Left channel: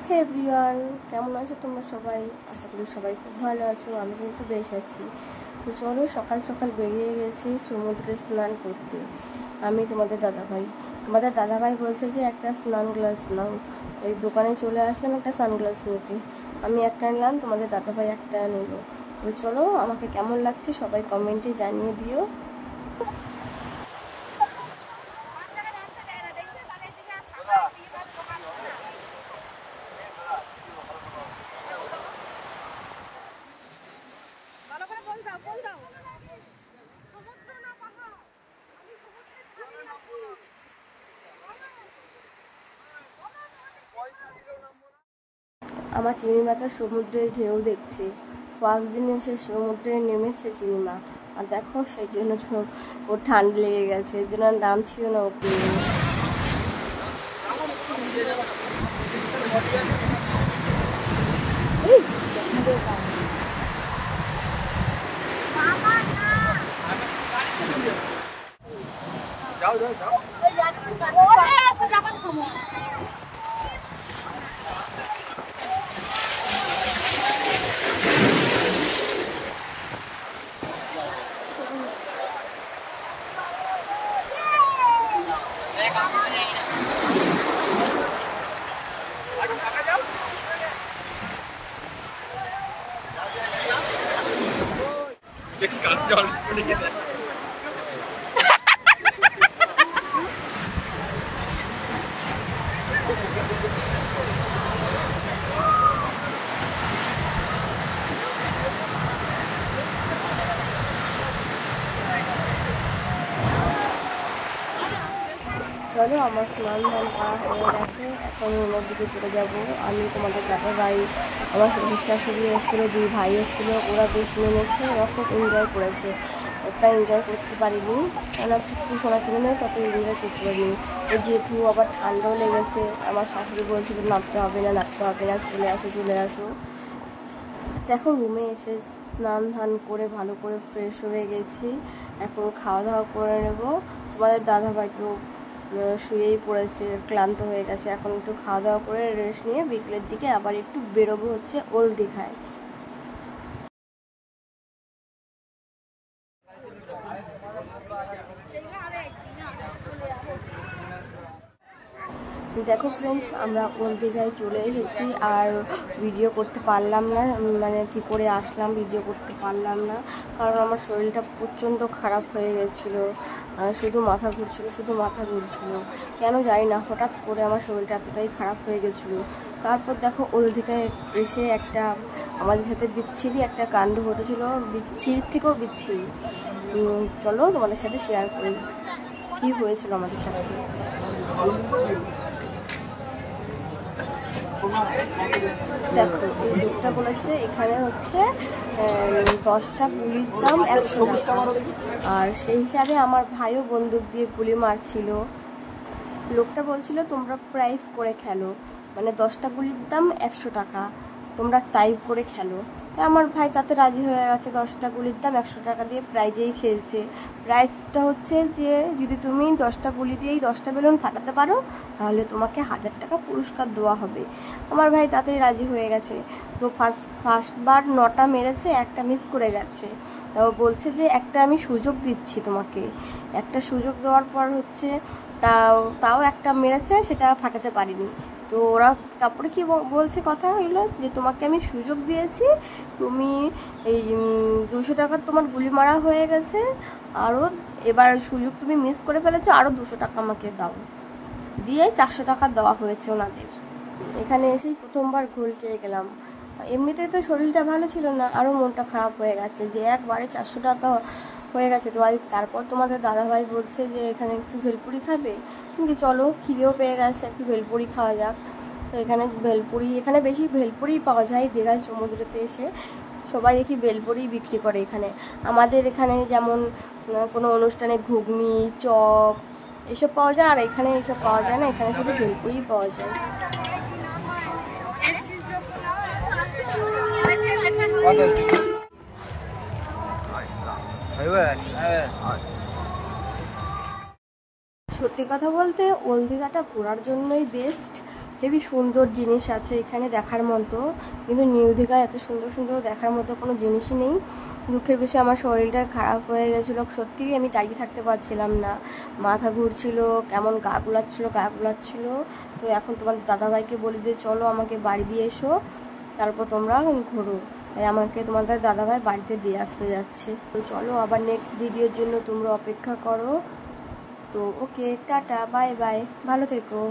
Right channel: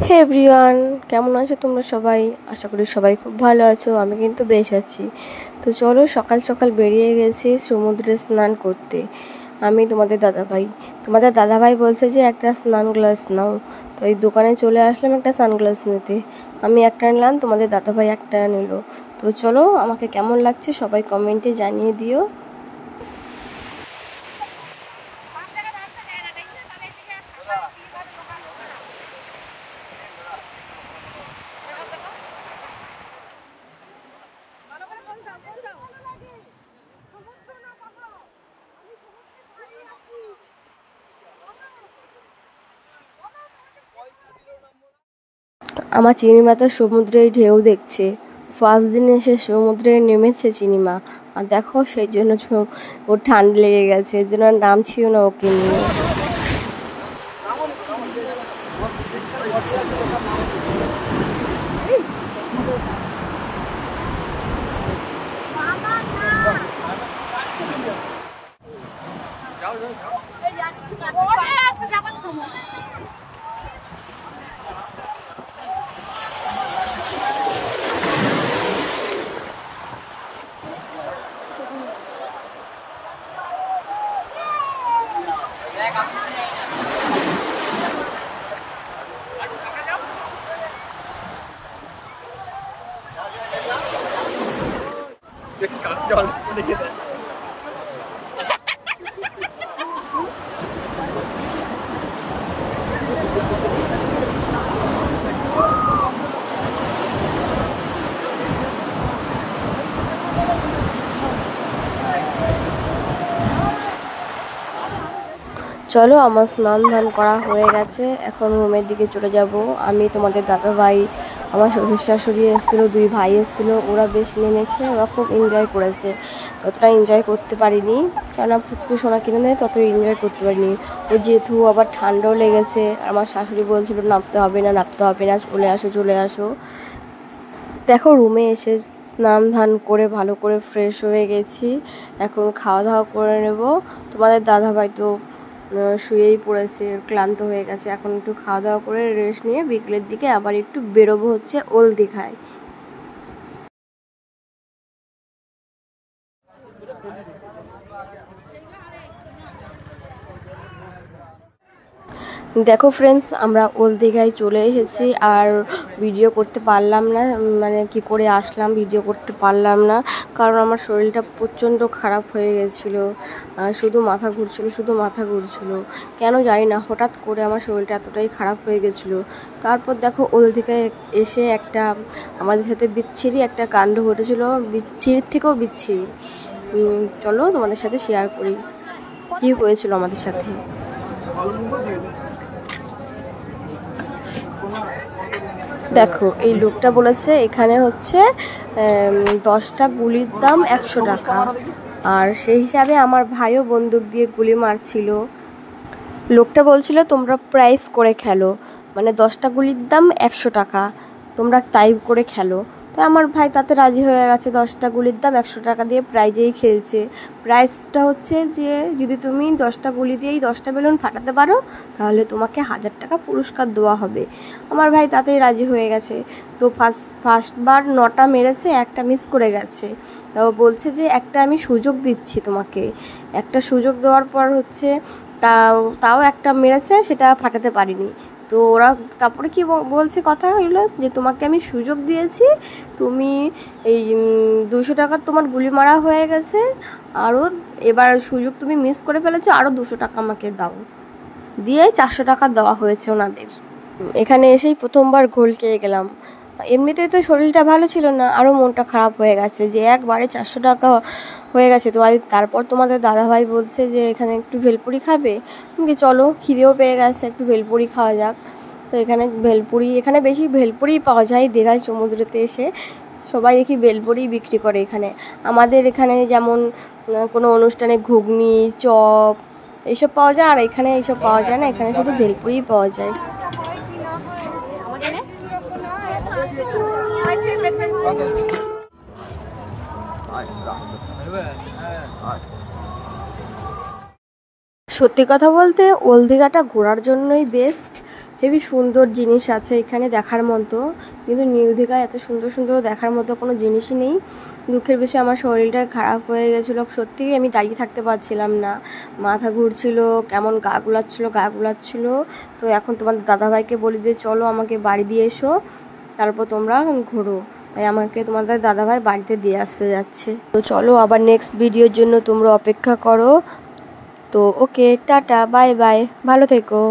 হে everyone, কেমন আছো তোমরা সবাই? আশা করি সবাই খুব ভালো আছো। আমি কিন্তু বেশ আছি। তো চলো, সকাল সকাল বেরিয়ে গেছি সমুদ্রে স্নান করতে। আমি তোমাদের দাদাভাই বলছে যে একটা স্নান গ্লাস নাও। তো এই দোকানে চলে আসলাম একটা সানগ্লাস নিতে। আমি একটা নিলাম, তোমাদের দাদাভাই একটা নিল। তো চলো, আমাকে কেমন লাগছে সবাই কমেন্টে জানিয়ে দিও। আমার চিনিমা তো সমুদ্রের ঢেউ দেখছে। ফার্স্ট দিন এসে সমুদ্রে নেমেছে চিনিমা। আর দেখো, সেই জন্য ওর ঠান্ডা লেগে গেছে, এর জন্য নাম ছিল না ওকে নিয়ে। চলো, আমার স্নান ধান করা হয়ে গেছে, এখন রুমের দিকে চলে যাব। আমি, তোমাদের দাদা ভাই, আমার শ্বশুর শাশুড়ি এসেছিলো, দুই ভাই এসেছিলো। ওরা বেশ নেমেছে, ওরা খুব এনজয় করেছে। ততটা এনজয় করতে পারিনি, কেননা পুচকু সোনা কিনে নেয়, তত এনজয় করতে পারিনি। ও যেহেতু আবার ঠান্ডাও লেগেছে, আমার শাশুড়ি বলছিল নামতে হবে না, চলে আসো চলে আসো। দেখো, রুমে এসে স্নান ধান করে ভালো করে ফ্রেশ হয়ে গেছি। এখন খাওয়া দাওয়া করে নেব। তোমাদের দাদাভাই তো শুয়েই পড়েছে, ক্লান্ত হয়ে গেছে। এখন একটু খাওয়া দাওয়া করে রেস্ট নিয়ে বিকেলের দিকে আবার একটু বেরোবো হচ্ছে ওল দীঘায়। দেখো ফ্রেন্ডস, আমরা ওল দীঘায় চলে এসেছি। আর ভিডিও করতে পারলাম না, মানে কি করে আসলাম ভিডিও করতে পারলাম না, কারণ আমার শরীরটা প্রচণ্ড খারাপ হয়ে গেছিলো। শুধু মাথা ঘুরছিল। কেন জানি না, হঠাৎ করে আমার শরীরটা এতটাই খারাপ হয়ে গেছিলো। তারপর দেখো, ওল দীঘায় এসে আমাদের সাথে বিচ্ছিরি একটা কাণ্ড ঘটেছিল, বিচ্ছিরির থেকেও বিচ্ছিরি। চলো তোমাদের সাথে শেয়ার করি কি হয়েছিল আমাদের সাথে। দেখো, এই লোকটা বলেছে এখানে হচ্ছে 10টা গুলির দাম 100 টাকা। আর সেই হিসাবে আমার ভাইও বন্দুক দিয়ে গুলি মারছিল। লোকটা বলছিল তোমরা প্রাইস করে খেলো, মানে 10টা গুলির দাম 100 টাকা, তোমরা তাই করে খেলো। তো আমার ভাই তাতে রাজি হয়ে গেছে, 10টা গুলির দাম 100 টাকা দিয়ে প্রাইজেই খেলছে। প্রাইসটা হচ্ছে যে যদি তুমি 10টা গুলি দিয়েই 10টা বেলুন ফাটাতে পারো, তাহলে তোমাকে 1000 টাকা পুরস্কার দেওয়া হবে। আমার ভাই তাতেই রাজি হয়ে গেছে। তো ফার্স্টবার 9টা মেরেছে, একটা মিস করে গেছে। তাও বলছে যে একটা আমি সুযোগ দিচ্ছি তোমাকে। একটা সুযোগ দেওয়ার পর হচ্ছে তাও একটা মেরেছে, সেটা ফাটাতে পারিনি। তো ওরা তারপরে কি বলছে, কথা হইলো যে তোমাকে আমি সুযোগ দিয়েছি, তুমি এই 200 টাকার তোমার গুলি মারা হয়ে গেছে, আরও এবার সুযোগ তুমি মিস করে ফেলেছো, আরও 200 টাকা আমাকে দাও। দিয়ে 400 টাকা দেওয়া হয়েছে ওনাদের। এখানে এসেই প্রথমবার ঘোল খেয়ে গেলাম। এমনিতেই তো শরীরটা ভালো ছিল না, আরও মনটা খারাপ হয়ে গেছে যে একবারে 400 টাকা হয়ে গেছে। তো তারপর তোমাদের দাদাভাই বলছে যে এখানে একটু ভেলপুরি খাবে। চলো, খিদেও পেয়ে গেছে, একটু ভেলপুরি খাওয়া যাক। তো এখানে বেশি ভেলপুরি পাওয়া যায় দীঘায় সমুদ্রেতে এসে। সবাই দেখি ভেলপুরি বিক্রি করে এখানে। আমাদের এখানে যেমন কোনো অনুষ্ঠানে ঘুগনি, চপ এইসব পাওয়া যায়, আর এখানে এইসব পাওয়া যায় না, এখানে শুধু ভেলপুরিই পাওয়া যায়। সত্যি কথা বলতে ওল দীঘাটা ঘোরার জন্যই বেস্ট। হেবি সুন্দর জিনিস আছে এখানে দেখার মতো, কিন্তু নিউ দীঘায় এত সুন্দর সুন্দর দেখার মতো কোনো জিনিসই নেই। দুঃখের বিষয় আমার শরীরটা খারাপ হয়ে গেছিলো, সত্যিই আমি দাঁড়িয়ে থাকতে পারছিলাম না, মাথা ঘুরছিল, কেমন গা গুলাচ্ছিল। তো এখন তোমাদের দাদাভাইকে বলি যে চলো আমাকে বাড়ি দিয়ে এসো, তারপর তোমরা ঘোরো। তাই আমাকে তোমাদের দাদাভাই বাড়িতে দিয়ে আসতে যাচ্ছে। তো চলো আবার নেক্সট ভিডিওর জন্য তোমরা অপেক্ষা করো। তো ওকে, টাটা, বাই বাই, ভালো থেকো।